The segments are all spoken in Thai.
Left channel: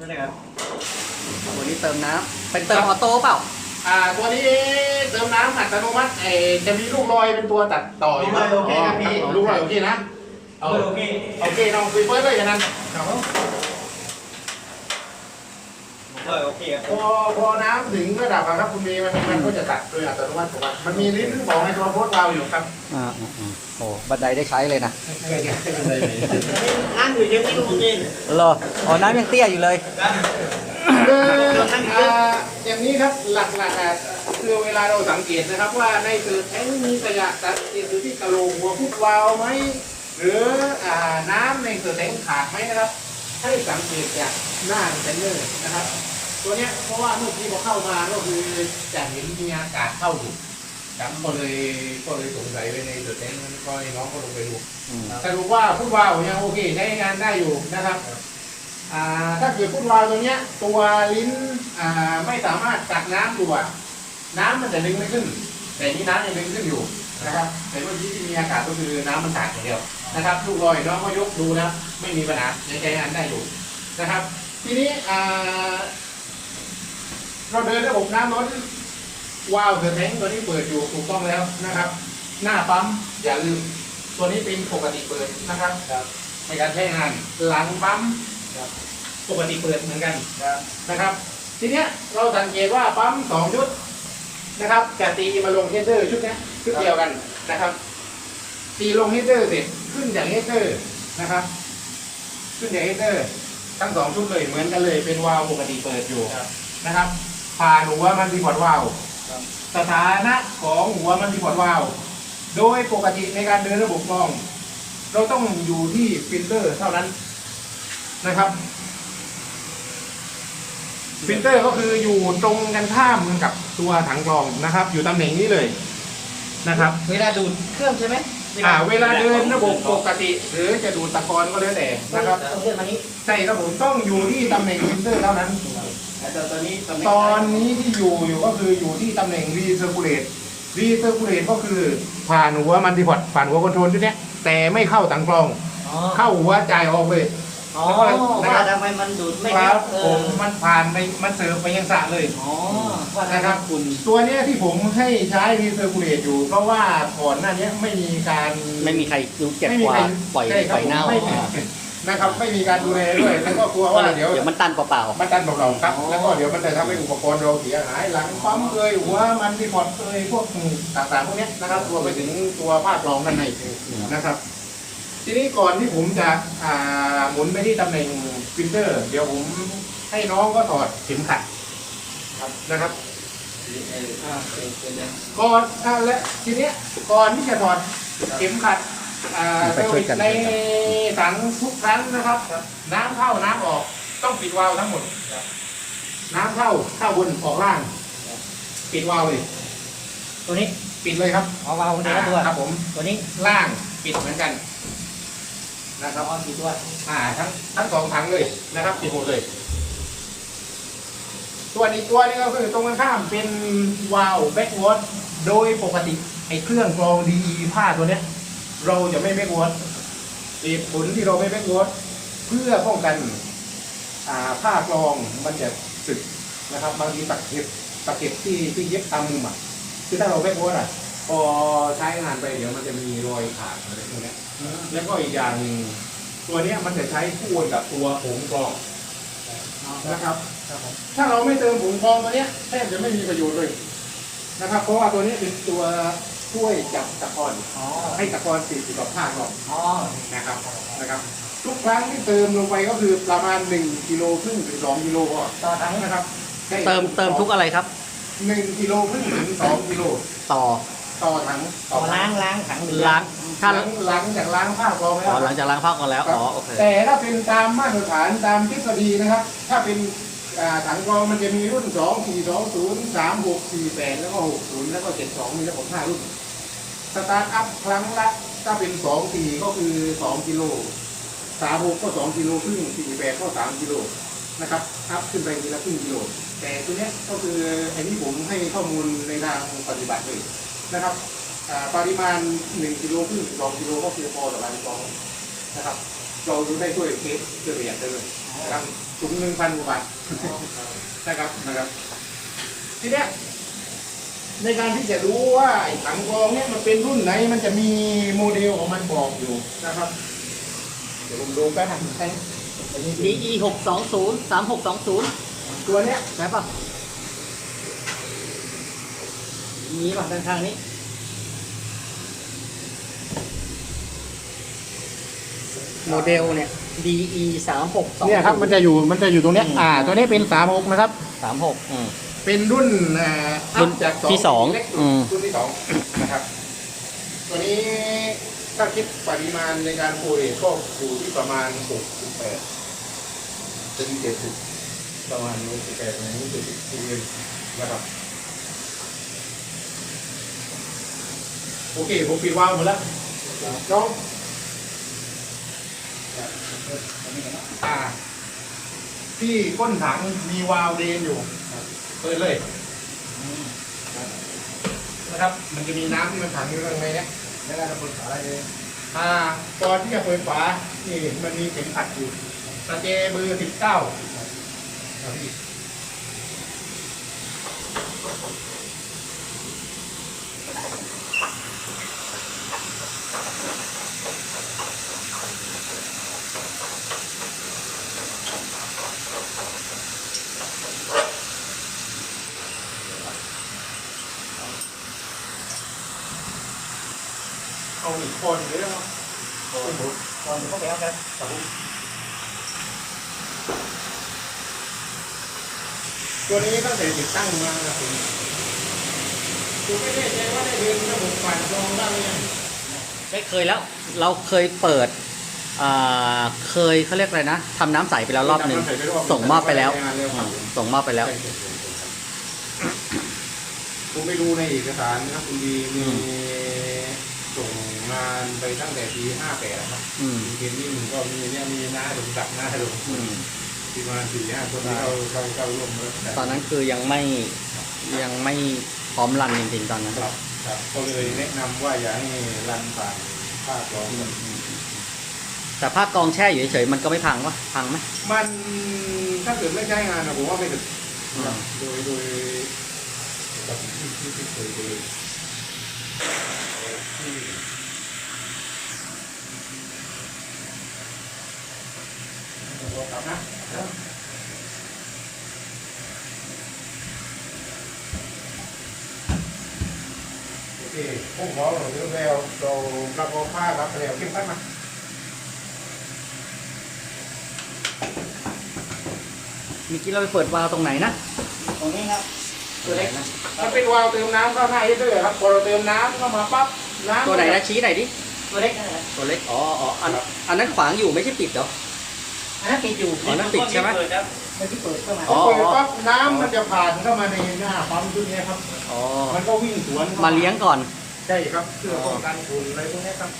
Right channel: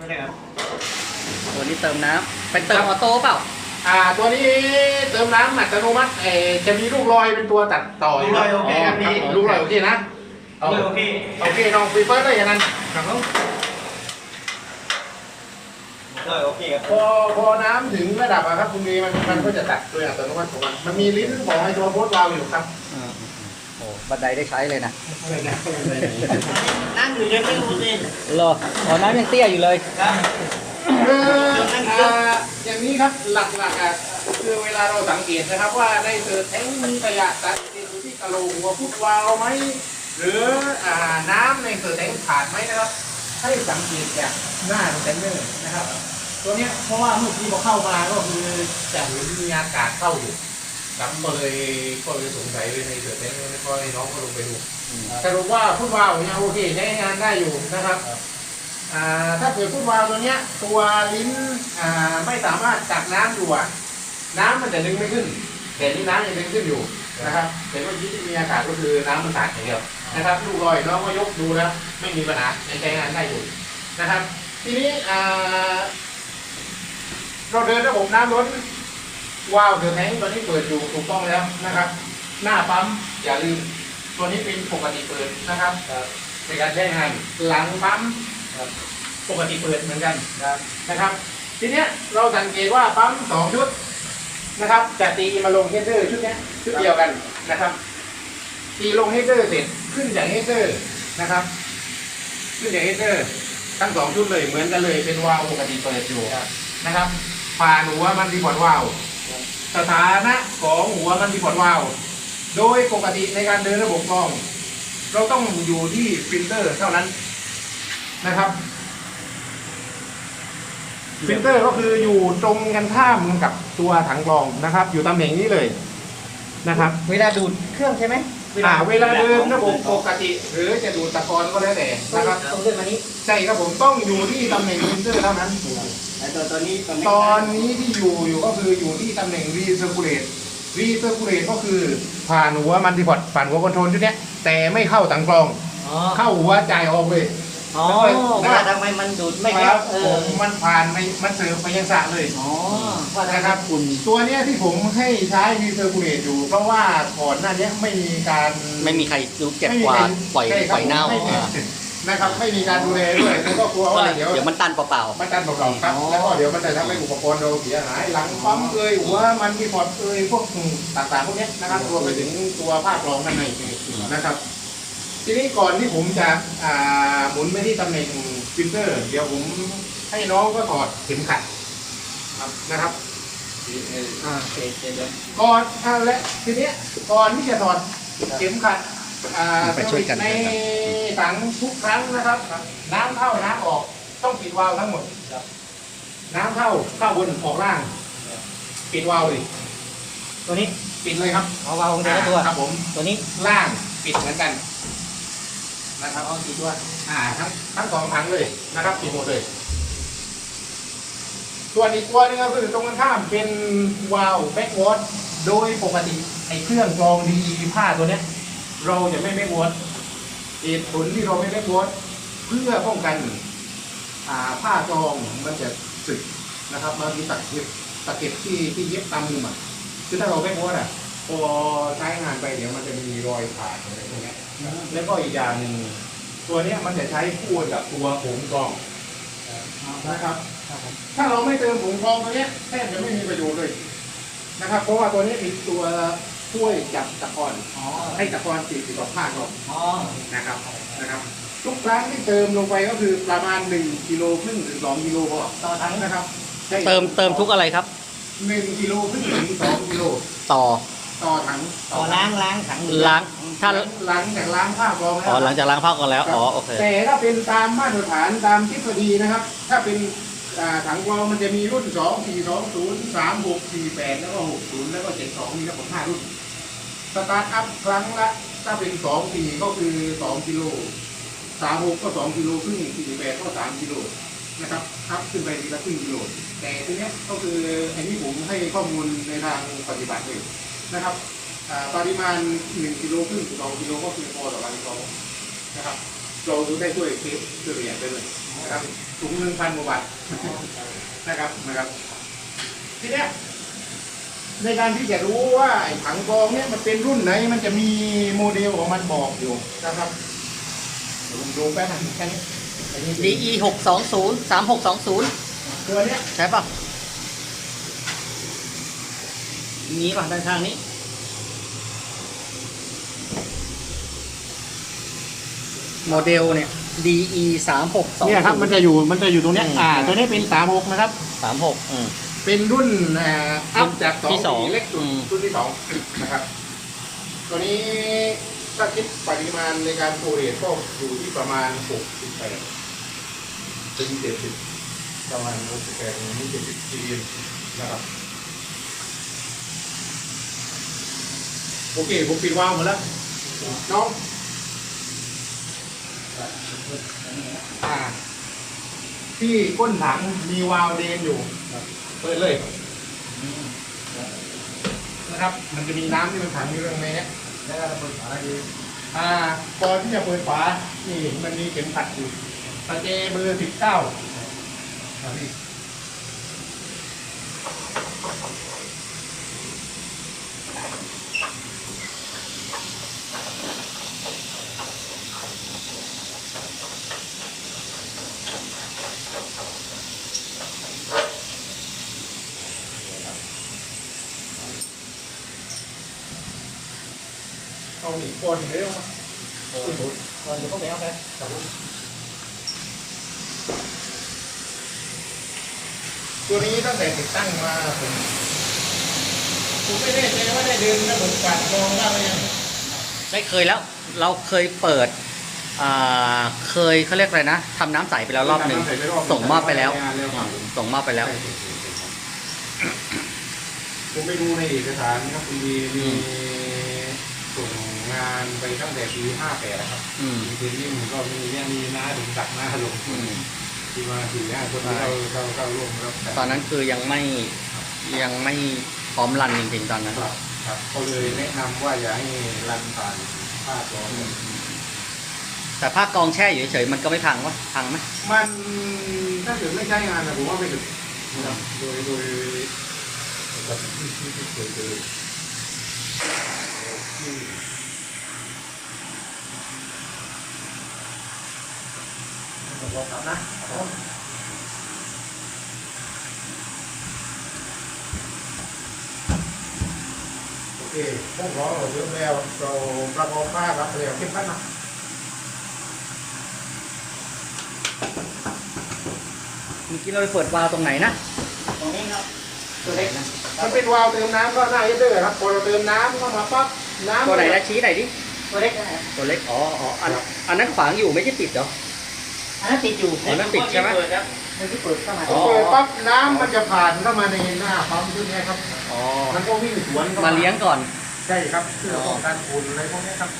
ไม่ได้ครับตัวนี้เติมน้ำเป็นเติมออโต้เปล่า อ่าตัวนี้เติมน้ำอัตโนมัติเออจะมีลูกลอยเป็นตัวตัดต่อลูกลอยโอเคครับพี่ ลูกลอยโอเคนะเอาเลยโอเคโอเคน้องฟีเฟิร์สเลยอย่างนั้นครับผมเลยโอเคครับพอพอน้ำถึงระดับอะครับคุณเมย์มันมันก็จะตัดโดยอัตโนมัติของมันมันมีลิ้นของไอ้ตัวโพสต์วาล์วอยู่ครับอ่าอ่า โอ้บันไดได้ใช้เลยนะนั่งอยู่เยอะไม่รู้เลยเหรออ๋อน้ำยังเตี้ยอยู่เลยครับคืออ่าอย่างนี้ครับหลักๆอะคือเวลาเราสังเกตนะครับว่าในเกิดแท้งมีขยะตัดอยู่ที่กระโหลกหัวพุทวาล์วไหมหรืออ่าน้ำในเกิดแท้งขาดไหมนะครับให้สังเกตจากหน้าเซนเนอร์นะครับ ตัวเนี้ยเพราะว่าเมื่อกี้พอเข้ามาก็คือจะเห็นมีอากาศเข้าอยู่ ครับก็เลยก็เลยสงสัยเลยในเกิดแท้งแล้วก็ให้น้องก็ลงไปดูอืมสรุปว่าฟุตวาล์วยังโอเคใช้งานได้อยู่นะครับอ่าถ้าเกิดฟุตวาล์วตัวเนี้ย ตัวลิ้นอ่าไม่สามารถตักน้ำดูอะน้ำมันจะดึงไม่ขึ้น แต่นี่น้ำยังดึงขึ้นอยู่นะครับแต่เมื่อกี้ที่มีอากาศก็คือน้ำมันตักอย่างเดียวนะครับลูกลอยน้องก็ยกดูแล้วไม่มีปัญหายังใช้งานได้อยู่นะครับ ทีนี้อ่าเราเดินระบบน้ำล้น วาล์วเดือดแทงตัวนี้เปิดอยู่ถูกต้องแล้วนะครับ หน้าปั๊มอย่าลืม ตัวนี้เป็นปกติเปิดนะครับในการใช้งานหลังปั๊มปกติเปิดเหมือนกันนะครับ ทีเนี้ยเราสังเกตว่าปั๊มสองชุดนะครับจะตีมาลงเฮดเดอร์ชุดเนี้ยชุดเดียวกันนะครับ ตีลงเฮดเดอร์เสร็จขึ้นจากเฮดเดอร์นะครับ ขึ้นจากเฮดเดอร์ทั้งสองชุดเลยเหมือนกันเลยเป็นวาล์วปกติเปิดอยู่นะครับผ่านหัวมันดีพอร์ตวาล์ว สถานะของหัวมันดีพอร์ตวาล์วโดยปกติในการเดินระบบกรอง เราต้องอยู่ที่ฟิลเตอร์เท่านั้นนะครับฟิลเตอร์ก็คืออยู่ตรงกันข้ามกันกับตัวถังกรองนะครับ อยู่ตำแหน่งนี้เลยนะครับ เวลาดูดเครื่องใช่ไหมอ่าเวลาเดินระบบปกติ หรือจะดูดตะกอนก็แล้วแต่นะครับต้องเลื่อนมานี้ใช่ครับผมต้องอยู่ที่ตำแหน่งฟิลเตอร์เท่านั้นแต่ตอนนี้ตอนนี้ตอนนี้ที่อยู่อยู่ก็คืออยู่ที่ตำแหน่ง recirculate recirculate ก็คือผ่านหัวมันติพอดผ่านหัวคอนโทรลชุดเนี้ยแต่ไม่เข้าถังกรองอ๋อเข้าหัวจ่ายออกเลยอ๋อแล้วก็ว่าทำไมมันดูดไม่คได้รับเอผอมมันผ่านไปมันเสิร์ฟไปยังสระเลยอ๋อว่านะครับกลุ่มตัวเนี้ยที่ผมให้ใช้ recirculate อยู่ เพราะว่าก่อนหน้าเนี้ยไม่มีการไม่มีใครดูเก็บไม่มีกวาใครดปล่อยใช่ครับปล่อยเน่าไม่มีอ่า นะครับ ไม่มีการดูแลด้วยแล้วก็กลัวก็ว่าเลยเดี๋ยวเดี๋ยวมันตันเปล่ามันดันเบาๆครับอ๋อแล้วก็เดี๋ยวมันจะทำให้อุปกรณ์เราเสียหาย หลังปั๊มเอ่ยหัวมันมีพอร์ตเอ่ยพวกต่างๆพวกเนี้ยนะครับรวมไปถึงตัวภาครองด้านในนะครับ ทีนี้ก่อนที่ผมจะอ่าหมุนไปที่ตำแหน่งฟิลเตอร์ เดี๋ยวผมให้น้องก็ถอดเข็มขัดครับนะครับอ่าโอเคเดี๋ยวก่อนอ่าและทีเนี้ยก่อนที่จะถอดเข็มขัดอ่า ไปช่วยกันในถังทุกครั้งนะครับ น้ำเข้าน้ำออกต้องปิดวาล์วทั้งหมดน้ำเข้าเข้าบนออกล่าง ปิดวาล์วเลยตัวนี้ปิดเลยครับเอาวาล์วของตัวละตัวครับผมตัวนี้ล่างปิดเหมือนกัน นะครับเอากี่ตัวอ่าทั้งทั้งสองถังเลยนะครับปิดหมดเลยส่วนอีกตัวหนึงก็คือตรงกันข้ามเป็นวาล์วแบ็กวอตโดยปกติไอ้เครื่องกรองดีผ้าตัวเนี้ย เราจะไม่แบ็กวอตเหตุผลที่เราไม่แบ็กวอตเพื่อป้องกันอ่าผ้ากรองมันจะสึกนะครับบางทีตะเก็บตะเก็บที่ที่เย็บตามมุมอะคือถ้าเราแบ็กวอตอะพอใช้งานไปเดี๋ยวมันจะมีรอยขาดอะไรพวกเนี้ยแล้วก็อีกอย่างหนึ่งตัวเนี้ยมันจะใช้คู่กับตัวผงกรองนะครับ ถ้าเราไม่เติมผงกรองตัวเนี้ยแทบจะไม่มีประโยชน์เลยนะครับ เพราะว่าตัวนี้เป็นตัว ช่วยจับตะกอนอ๋อให้ตะกอนติดอยู่กับผ้ากรองอ๋อนะครับนะครับ ทุกครั้งที่เติมลงไปก็คือประมาณ1กิโลครึ่งถึง2กิโลพอต่อทั้งนะครับใช่เติมเติมทุกอะไรครับหนึ่งกิโลครึ่งถึง2กิโลต่อต่อถังต่อล้างล้างถังล้างถ้าหลังหลังจากล้างผ้ากรองแล้วอ๋อหลังจากล้างผ้าก่อนแล้วอ๋อโอเคแต่ถ้าเป็นตามมาตรฐานตามทฤษฎีนะครับ ถ้าเป็นอ่า ถังกรองมันจะมีรุ่น 2 4 2 0 3 6 4 8 แล้วก็ 60 แล้วก็ 72 มีทั้งหมด5รุ่น สตาร์ทอัพครั้งละ ถ้าเป็น2 4ก็คือ 2 กิโล 3 6 ก็ 2 กิโลครึ่ง 4 8 ก็ 3 กิโลนะครับอัพขึ้นไปทีละครึ่งกิโล แต่ทีเนี้ยก็คืออันนี้ผมให้ข้อมูลในทางปฏิบัติเลยนะครับปริมาณ 1 กิโลครึ่ง2กิโลก็เพียงพอต่อการกรองนะครับ เราดูได้ด้วยเคสด้วยประหยัดได้เลยนะครับถุงหนึ่งพันกว่าบาท นะครับนะครับ ทีเนี้ยในการที่จะรู้ว่าไอ้ถังกรองเนี่ยมันเป็นรุ่นไหน มันจะมีโมเดลของมันบอกอยู่นะครับเดี๋ยวผมดูแป๊บนึงแค่นี้อันนี้คือ DE หกสองศูนย์สามหกสองศูนย์ตัวเนี้ยใช่ป่ะนี้ป่ะด้านข้างนี้ โมเดลเนี่ย DE สามหกสองเนี่ยครับมันจะอยู่มันจะอยู่ตรงเนี้ยอืมอ่าตัวนี้เป็นสามหกนะครับสามหกอืม เป็นรุ่นอ่าอัพจากสองที่สองเล็กสุดอืม รุ่นที่สองนะครับตัวนี้ถ้าคิดปริมาณในการโปรเรทก็อยู่ที่ประมาณหกสิบแปดถึงเจ็ดสิบประมาณหกสิบแปดถึงเจ็ดสิบทีเดียวนะครับโอเคผมปิดวาล์วหมดแล้วน้อง อ่า ที่ก้นถังมีวาล์วเดนอยู่เปิดเลยนะครับ มันจะมีน้ำที่มันขังอยู่ข้างในเนี้ยแล้วก็จะเปิดฝาได้เลยอ่าก่อนที่จะเปิดฝานี่มันมีเข็มขัดอยู่ตะเจเบอร์สิบเก้าครับพี่ เอาหนีคนเรื่องคนคนกเขาแก้วกันตัวนี้ตั้งแต่ติดตั้งมาผมผมไม่ได้ใจว่าได้เดือนแล้วผมปัดลองได้เลยได้เคยแล้ว เราเคยเปิดเคยเขาเรียกอะไรนะทำน้ำใสไปแล้วรอบหนึ่งส่งมอบไปแล้ว ส่งมอบไปแล้วผมไปดูในเอกสารนะครับคุณดีมีานไปตั้งแต่ปีห้าแปดครับอืม มีเทนนิ่งก็มีเนี่ยมีน้าถึงตักหน้าลงอืม ที่มาสี่ห้าคนที่เราเราเราร่วมรับตอนนั้นคือยังไม่ยังไม่พร้อมรันจริงๆตอนนั้นครับครับก็เลยแนะนำว่าอย่าให้รันผ่านภาคร้องแต่ภาคกองแช่อยู่เฉยๆมันก็ไม่พังวะพังไหม มันถ้าเกิดไม่ใช้งานนะผมว่าไม่ถึงครับโดยโดยแบบที่ที่ที่เคยเค ยลองทำนะโอเคพวกเราเราเยอะแล้วเรารับเอาผ้ารับแล้วเข้มขันนะเมื่อกี้เราไปเปิดวาล์วตรงไหนนะ ตรงนี้ครับตัวไหนนะมันเป็นวาล์วเติมน้ำก็หน้าเฮดเดอร์ครับพอเราเติมน้ำเข้ามาปั๊บน้ำตัวไหนนะชี้ไหนอยดิตัวเล็กนะครับตัวเล็กอ๋ออ๋ออันอันนั้นขวางอยู่ไม่ใช่ปิดเหรอ อันนั้นติดอยู่อ๋อนั่นปิดใช่ไหมมันที่เปิดเข้ามาอ๋อเปิดปั๊บน้ำมันจะผ่านเข้ามาในหน้าปั๊มชุดนี้ครับอ๋อมันก็วิ่งสวนข้มาเลี้ยงก่อนใช่ครับเพื่อป้องกันฝุ่นอะไรพวกนี้ครับ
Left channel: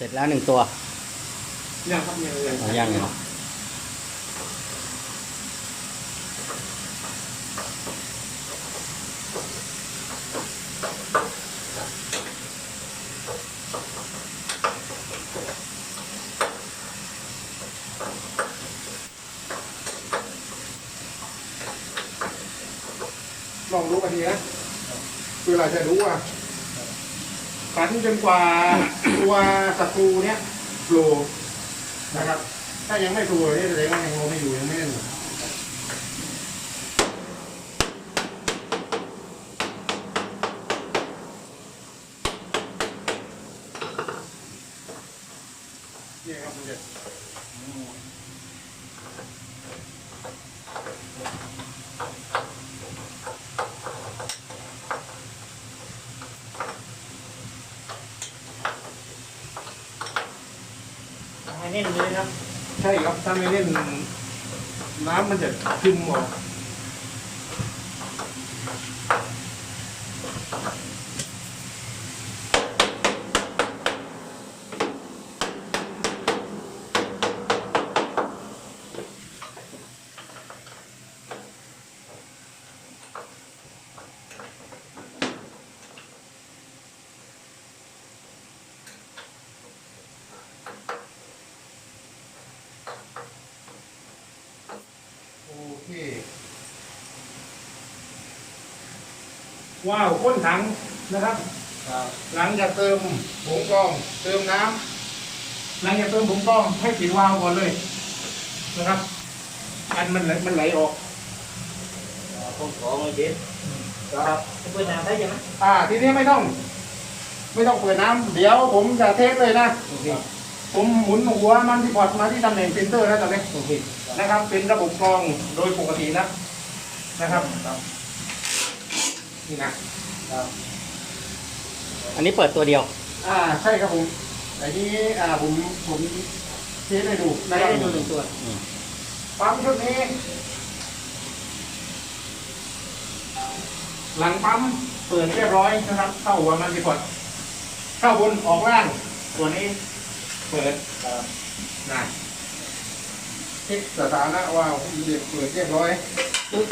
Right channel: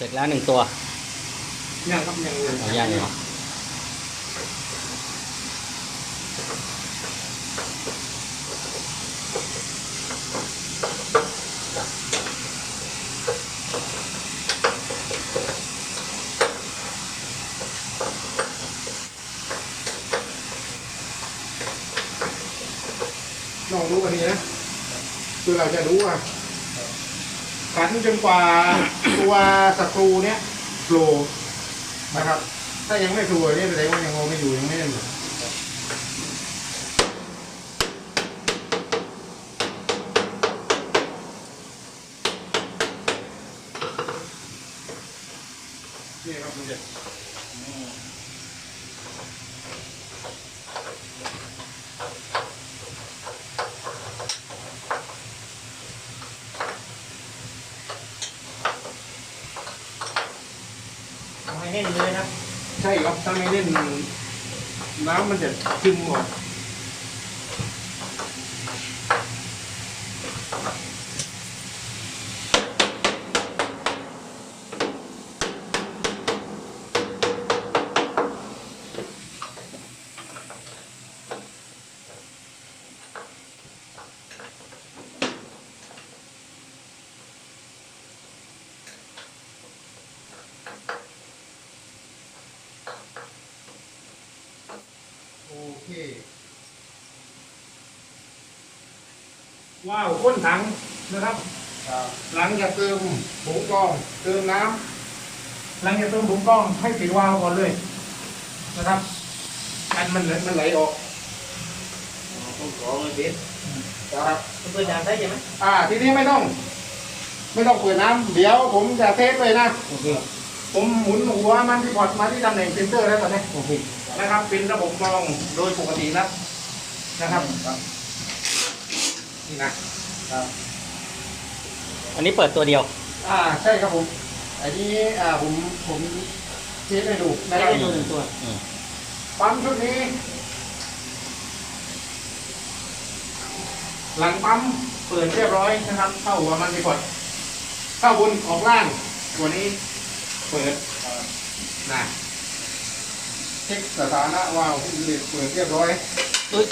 เสร็จแล้วหนึ่งตัวยังครับยังยังยังยังลองดูวันนี้นะคือเราจะรู้ว่า ฝันจนกว่าตัวศัตรูเนี้ยโผล่นะครับ ถ้ายังไม่โผล่เนี่ยแสดงว่ายังงงไม่อยู่ยังไม่แน่นอยู่นี่ครับคุณเด็ก ทำให้แน่นเลยครับ ใช่ครับถ้าไม่เล่นน้ำมันจะซึมออก โอเค ว้าวก้นถังนะครับ ครับ หลังจากเติมผงกรอง เติมน้ำหลังจากเติมผงกรองให้ปิดวาล์วก่อนเลยนะครับอันมันไหลมันไหลออกผมขอเลยเบสครับ เพื่อนน้ำได้ยังไหมอ่า ทีนี้ไม่ต้อง ไม่ต้องเปิดน้ำเดี๋ยวผมจะเทสเลยนะ โอเคผมหมุนหัวมันที่พอร์ตมาที่ตำแหน่งเซนเตอร์แล้วตอนนี้โอเคนะครับ เป็นระบบกรองโดยปกตินะนะครับ นี่นะครับอันนี้เปิดตัวเดียว อ่าใช่ครับผมอันนี้อ่าผมผมเทสให้ดูได้นะครับตัวหนึ่งตัวปั๊มชุดนี้ หลังปั๊มเปิดเรียบร้อยนะครับ เข้าหัวมันไปก่อนเข้าบนออกล่าง ตัวนี้ เปิดครับนะเช็คสถานะว่าวเด็กเปิดเรียบร้อยตุ้ย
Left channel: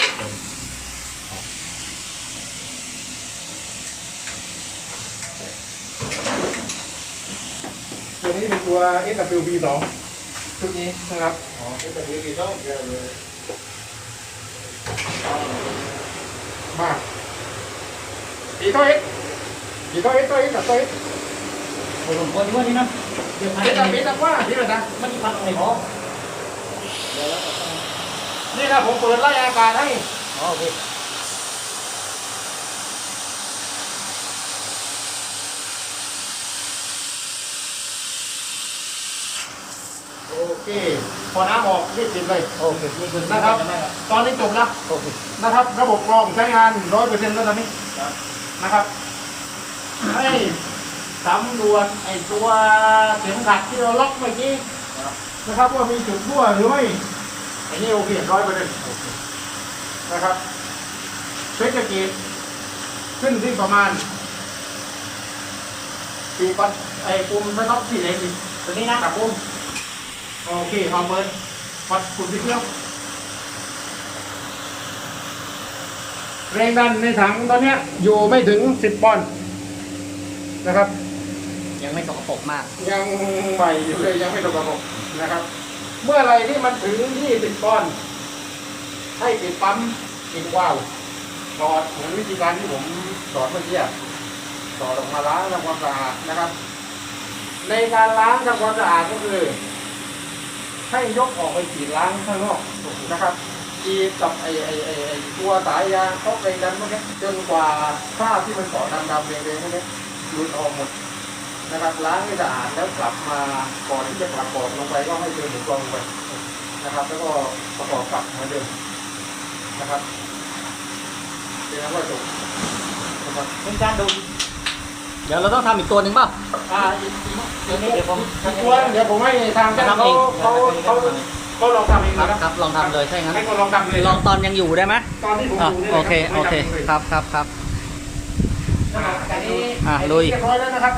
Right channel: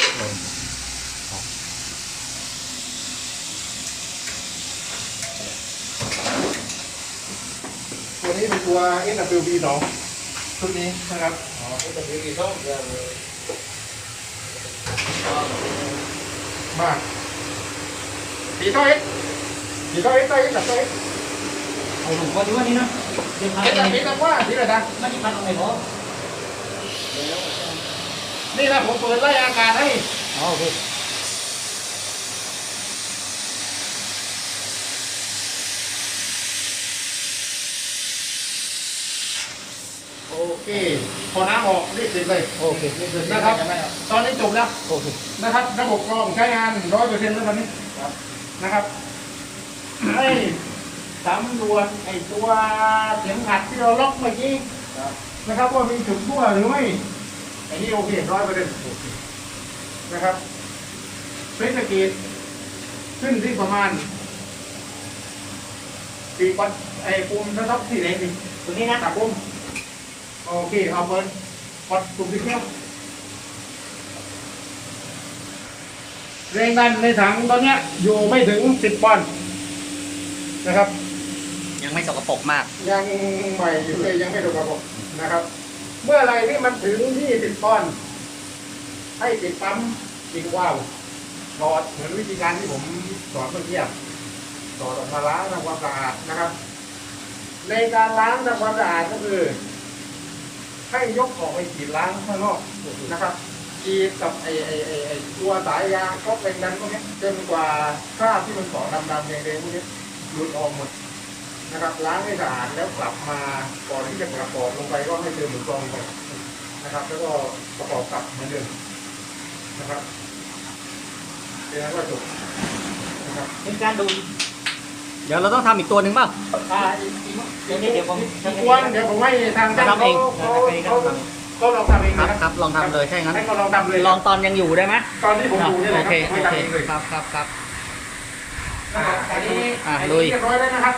ตัวนี้เป็นตัว SWB 2ชุดนี้นะครับ อ๋อเป็นตัวที่ชอบเยอะเลยมาสีตัวเอสสีตัวเอสตัวเอสกับตัวเอสโอ้ผมคนรู้นี่นะเดี๋ยวพันเอสเอกับงเอสกับว่าที่ระดับมันจะพันอะไรพอเดี๋ยวแล้วก็ต้องนี่นะผมเปิดไล่อากาศให้อ๋อโอเค โอเคพอน้ำออกรีบปิดเลยโอเคนี่คือนะครับจะได้ครับ ตอนนี้จบแล้วโอเคนะครับ ระบบกรองใช้งานร้อยเปอร์เซ็นต์แล้วตอนนี้ครับนะครับให้สำรวจไอ้ตัวเข็มขัดที่เราล็อกเมื่อกี้ครับนะครับว่ามีจุดรั่วหรือไม่ไอ้นี่โอเคร้อยเปอร์เซ็นต์นะครับเฟสกีดขึ้นที่ประมาณปีก่อนไอ้ปุ่มนะครับสี่เหล็กสิตัวนี้นะกับปุ่ม โอเคเอาเปิดกดปุ่มที่เที่ยวแรงดันในถังตอนเนี้ยอยู่ไม่ถึงสิบปอนด์นะครับ ยังไม่สกปรกมาก ยังใหม่อยู่เลยยังไม่ถูกระบบนะครับ เมื่อไหรที่มันถึงที่สิบปอนด์ให้ปิดปั๊มปิดว่าวถอดเหมือนวิธีการที่ผมสอนเมื่อกี้อะถอดออกมาล้างทำความสะอาดนะครับ ในการล้างทำความสะอาดก็คือ ให้ยกออกไปฉีดล้างข้างนอกนะครับฉีดกับไอไอไอไอตัวสายยางครอบแรงดันพวกนี้จนกว่าคราที่มันเกาะดำๆแดงๆพวกนี้หลุดออกหมดนะครับล้างให้สะอาดแล้วกลับมาก่อนที่จะประกอบลงไปก็ให้เติมหมูกรองลงไปนะครับ แล้วก็ประกอบกลับเหมือนเดิมนะครับเป็นนั้นก็จบนะครับเป็นการดู เดี๋ยวเราต้องทำอีกตัวหนึ่งเปล่า อ่าอีกอีกตัวนี้เดี๋ยวผมอีกตัวหนึ่งเดี๋ยวผมให้ทางช่างทำเขาเองเขาเขาเขาลองทำเองครันะบคครับรับลองทำเลยใช่งั้นให้เขาลองทำเลยลองตอนยังอยู่ได้ไหมตอนที่ผมอะดูนี่เลโอยเคครับโอให้เคทำเองเลยครับครับครับอ่าอันนี้อะอันลุนี้ยเรียบร้อยแล้วนะครับ